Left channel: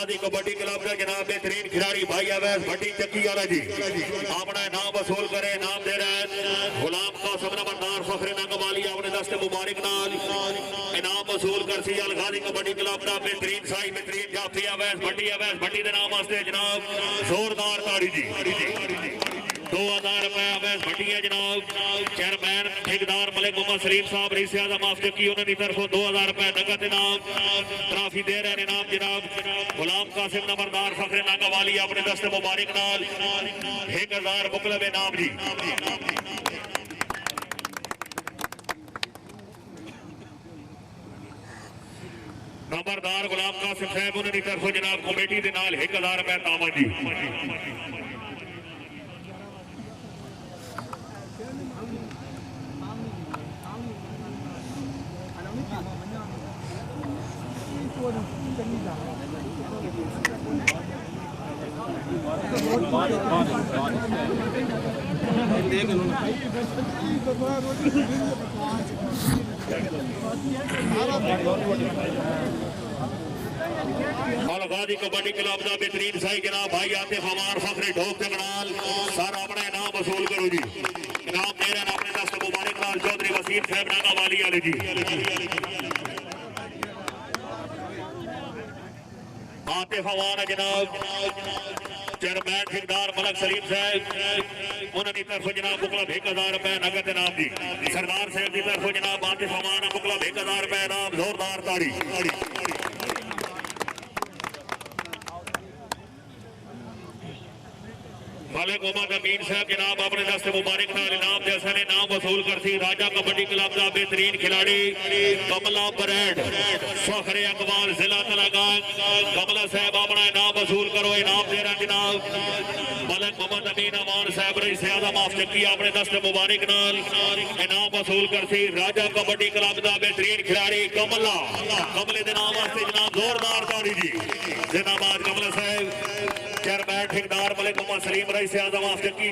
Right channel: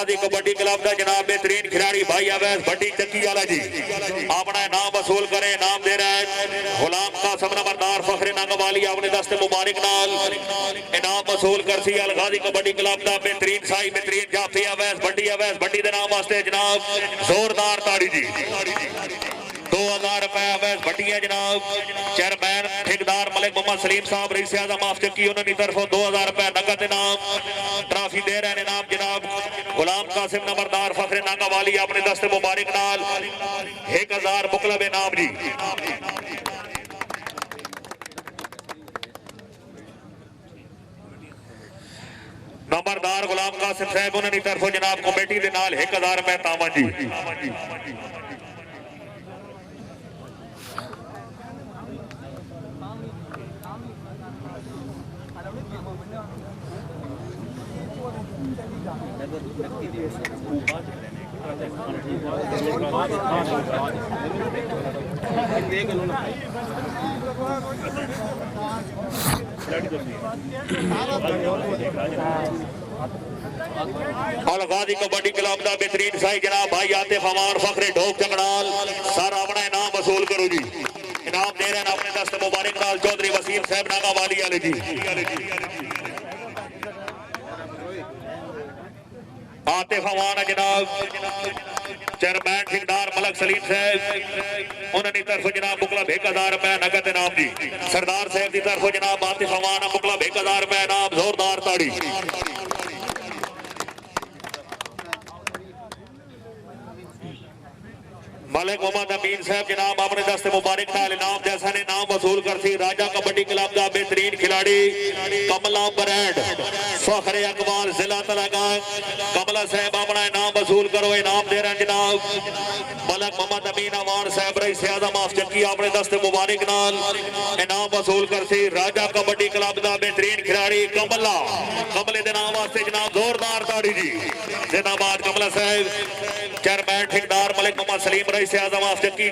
गाजी kabaddi club का जनाब बेहतरीन खिलाड़ी भाई अवैस भट्टी चक्की वाला जी अपना नाम वसूल करे। नाम दे रहा है गुलाम कासिम नंबरदार फखरे नंगवाली अपने दस्ते मुबारक नाल इनाम वसूल कर सी अल गाजी कबड्डी क्लब का बेहतरीन साई बेहतरीन जाफी अवैस भट्टी दे नाम वास्ते जनाब जोरदार ताड़ी जी 2000 रुपए अवैस भट्टी है जनाब। चेयरमैन ठेकेदार मलिक मोहम्मद सलीम साहब रईस आजम माफ चक्की उन्होंने तरफों 2000 रुपए नगद इनाम ट्रॉफी दे रहे हैं। इनाम जनाब गुलाम कासिम नंबरदार फखरे नागावाली अपने दस्ते मुबारक नाल 1000 मुकलब इनाम जी। नंबरदार गुलाम कासिम साहब उन्होंने तरफों जनाब कमेटी के नाल 1000 रुपए तावन जी। और गाजी कबड्डी क्लब का बेहतरीन साई जनाब भाई आतिफ अमान फखरे ढोक चंगड़ाल सर अपना इनाम वसूल करो जी। इनाम दे रहे हैं अपने दस्त मुबारक नाल चौधरी वसीम साहब नागावाली वाले जी। आतिफ अमान जनाब चेयरमैन ठेकेदार मलिक सलीम साहब उन्होंने तरफ जनाब मुकलब 1000 रुपए नगद इनाम दी। सरदार साहब की तरफ जनाब आतिफ अमान मुकलब 1000 रुपए इनाम जोरदार ताड़ी। मलिक मोहम्मद अमीन साहब जनाब अपने दस्ते मुबारक नाल इनाम जैसा ने नाम वसूल कर सी राजा कबड्डी क्लब का बेहतरीन खिलाड़ी कमला ब्रांड फखरे अकबाल जिला तलागान कमला साहब अपना इनाम वसूल करो। इनाम दे रहे जनाब मलिक मोहम्मद अमीन अमान साहब रईस आजम माफ चक्की अपने दस्ते मुबारक नाल इनाम वसूल कर सी राजा कबड्डी क्लब का बेहतरीन खिलाड़ी कमले के नाम वास्ते जनाब जोरदार ताड़ी जी। जिंदाबाद कमला साहब। चेयरमैन ठेकेदार मलिक मोहम्मद सलीम रईस आजम माफ चक्की